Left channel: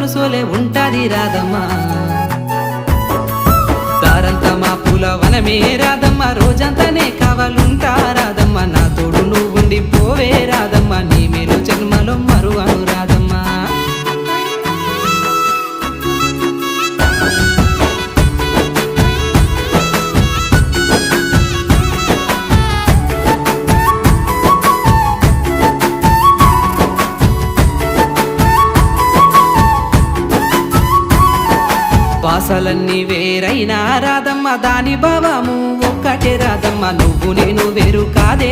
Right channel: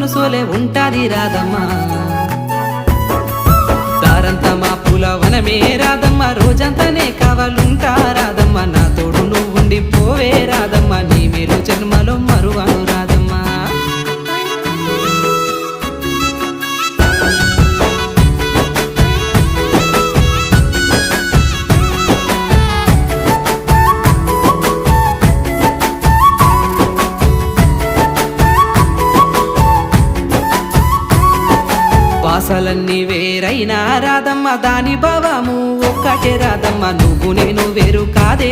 మనసోలే ఉంటాది రాధమ్మ దారంతా మా పూల వనమే రాధమ్మ రోజంతానే కావాలుంటా రాధమ్మ నా తోడు నువ్వుండి పోవే రాధమ్మ నీ మేలు జన్మలో మరువను రాధమ్మ వాసాలన్నీ వేరైనా రాధమ్మ దాని భావము ఒక్కటే రాధమ్మ నువ్వు నేను వేరు కాదే